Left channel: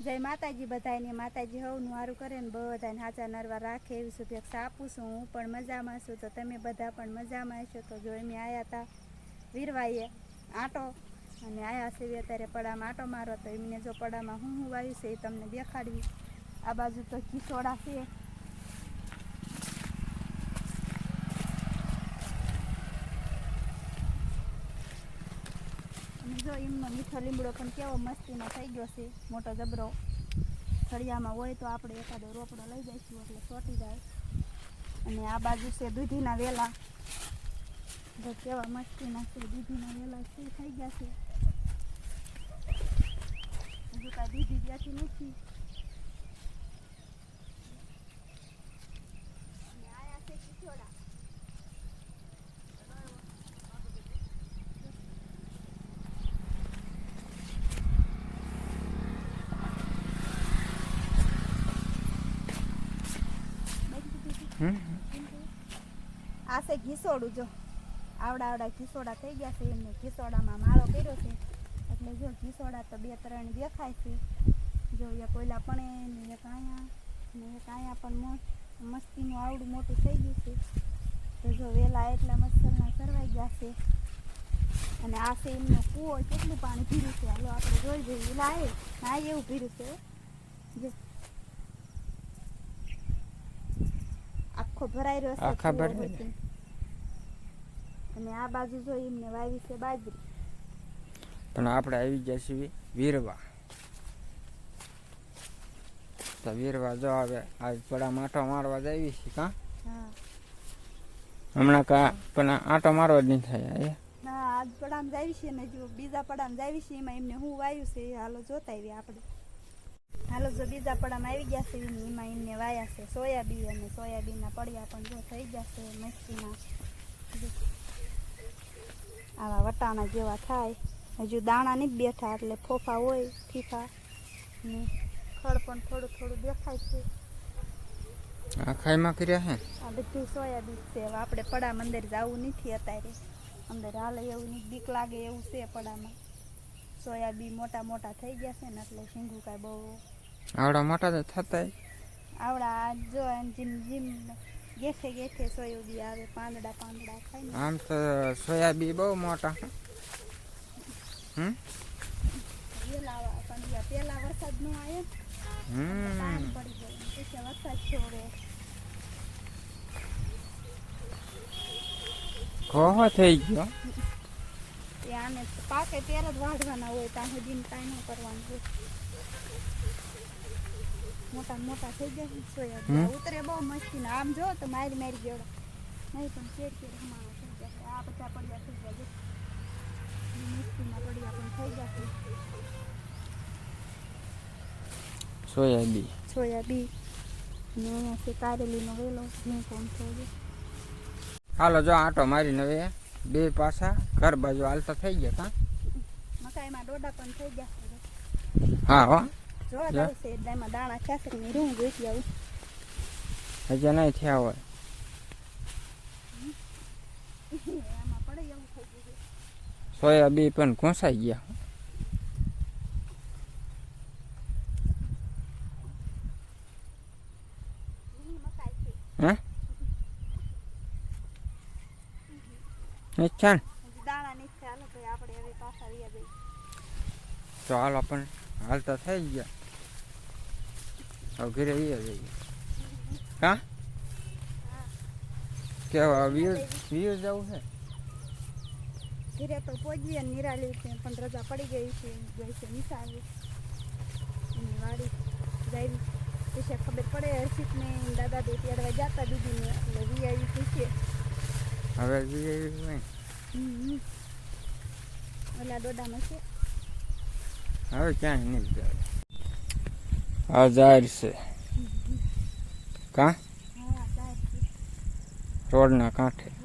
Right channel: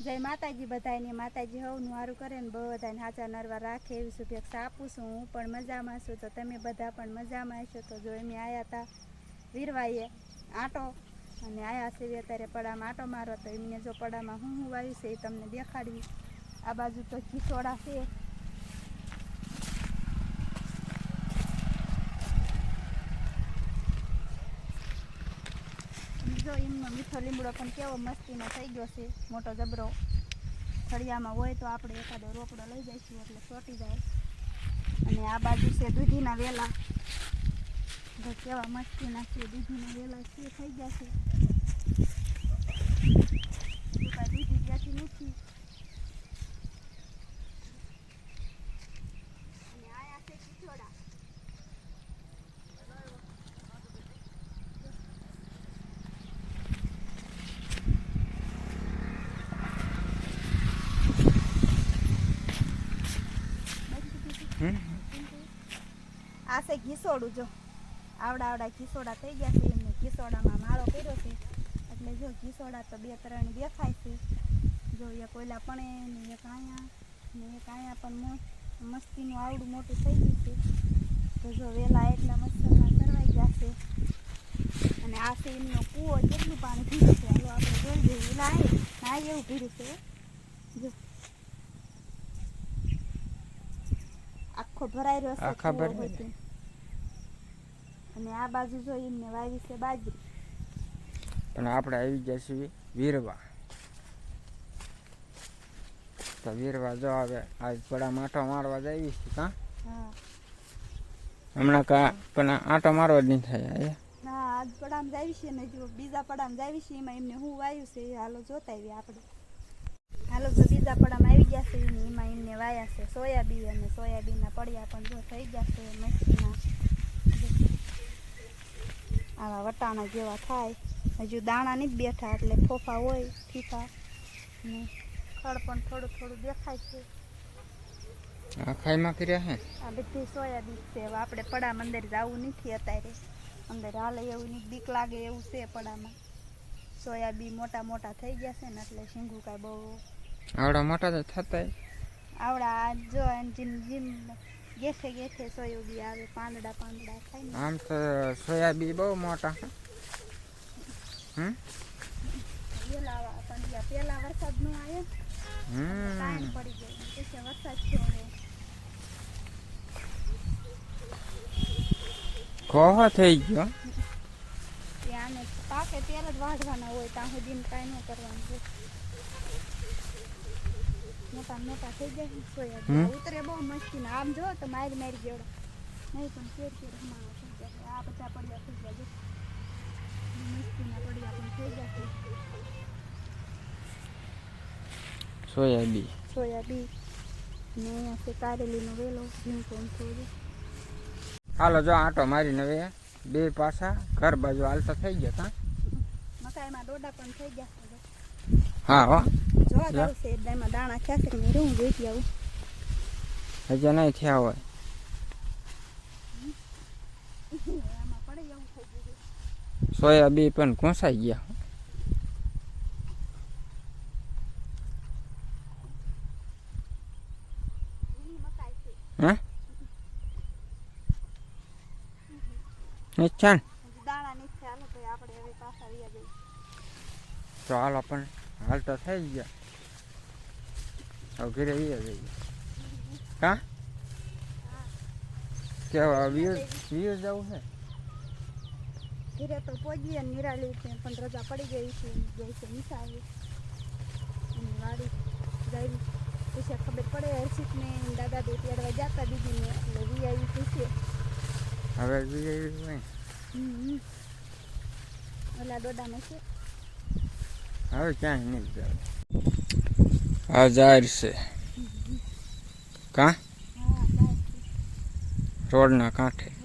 જય માતાજી બધાને માતાજી હવનું સારું કરે ને બધાને હાચા નરવા રાખે એવી શુભેચ્છા આપું છું. હું પણ મજામાં છું. તો તમે બધા પણ મજામાં હશો? તો જો અમે આવ્યા હતા વીરવાઈએ આટો અને આવ્યા છે અત્યારે પડામાં આટો મારો તો એમને જો પડામાં હું હું વાવ્યું છે એ તમને દેખાડવી. આ બાજુ તો ખીસોડા છે અને જો એમનો મીઠો લીમડો પણ કેવો મસ્તીનો થઈ ગયો છે, મોટો જબરો. ફળિયામાં હોય તો આપણે એકાદો રોપડો લઈ જઈશું, એટલે ચોટી જાય. અને આ બાજુ છે દૂધીના વેલા. કેવા મસ્તીના છે, દૂધીના વેલા છે, થઈ ગયા છે હજુ કાંઈ દૂધી ત્યાંથી નથી અને આયા છે ખીચોડા હમ આ છે ઘીસોડું, જો. આવડા આવડા ઘીસોડા થઈ ગયા છે એમને ઘીસોડામાં માળો કર્યો છે. એટલે જો ઘીસોડા તો બે ત્રણ દેખાય છે. જો એક ઓલા પણ ને એક અહીંયા ને એક અહીંયા પણ મસ્તીનું આવડું મોટું થઈ ગયું છે. તો જો વેલા એટલા મચ્છરના સરવાઈ ગયા છે. અને આ છે એમનો કૂવો, કેટલું પાણી પીધું છે. હાલો, આપણે જોઈ જોઈએ વેલા આવે હા એવું પીધું છે. આખો ભરાઈ રહ્યો છે આખા ભરાઈ અને આ બાજુ જો એમને વાવી છે બાજરી. પણ આપણે આવી ગયા છીએ વીરવા. તો વીરવા જો આવે આજ થોડા માટો મારવા જઈએ છે કા? હમણાં કા પણ આટો મારવા જ નહીં થાય ના આજ પડામ જાવી છે ને જો બીજા પડામ જાવી છે એમાં એમને હું વાયું છે હાલો જોતા આવીએ આપણે. હાલો તો બીજા પડામાં આવી ગયા છે એમાં એમને વાયા છે સોયાબીન અને સોયાબીનના પડ્યા પણ જો થઈ ગયા છે મસ્તીમાં. આવા વટાણા જેવા થાય. હજુ દાણા નહીં બેઠા એટલે ફોફા હોય ફીફા. ને ફળ પણ થોડું થોડું દેખાય છે. આ ખાઈમાં કર્યા હે? આ બધી સોયાબીન છે હવે આપણે પડા મંદિર જવું નથી અત્યારે. અંદર હાલે એવું નહીં બીક લાગે એવું છે પડામાં. સોયાબીન મોટા મોટા થઈ ગયા છે ને એટલે શીંગું કાંઈ બહુ આવડા મોટા તો થતા આવડા જો જીમ જીમ ગેઠે ગેઠે સોયાબી આવે પાંદડા પાંદડા ખાય ને. આમ તો સોયાબી બહુ મોટા. હમ? પેલા સંધ્યા પેલા વરસાદ નો આવે હમ. પડી ગયો પછી વરસાદ છોડે કોહો થઈ ગયો. એ આને પાકે ત્યારે જ વાઢવાના હોય ત્યાં સુધી કાંઈ ન કરવાનું હોય. મોટા મોટા થઈ જાય ને ઉતરે બહુ મસ્તી ને આમ જો તો મારી મારી ગયો નહીં પણ શેર શેર હમાણા થઈ ગયા આ બધા પડ્યા થઈ ગયા મસ્તીના પડ્યા પણ થઈ છે. સોયાબી સોયાબીન ને અહીંયા છે કારેલીનો વેલો. હું કોણ થઈ હાલો જો આંટો મારીને હવે બે પાછા ઘર બાજુ હાલતા થઈ ગયા કાં? મકાઈમાં ડોડા પણ થઈ ગયા હા હો. જોવા છે એમાં દાણા ખ્યાસે કે નહીં રૂમ જોઈતી આવું. હજી નહીં થયા હોય. છે. સોયાબી પણ ઘૂંસાઈ ગયા. છે. હે? નહીં તો આપણે આપણને હાલ તો હાલો થઈ ગયા. હવે ઘરે વીએ જઈએ હા કેવા વ્યૂ જવું છે? ઘરે તો પહોંચીએ ને નિરાલી છે પણ રજા પડી ગઈ છે ગઈ છે નિશાળે. એની વાડી જાય પછી ખબર પડે હર્ષિતને દાદા દે તેડવા જતા દીદીને એટલે વી આવી પૂછીએ હવે વીએ હમ ઓલા ડોડામાં છે. હવે ક્યાંય નહીં જવું આ જાહેર છે. કા? રોડના કાંઠે.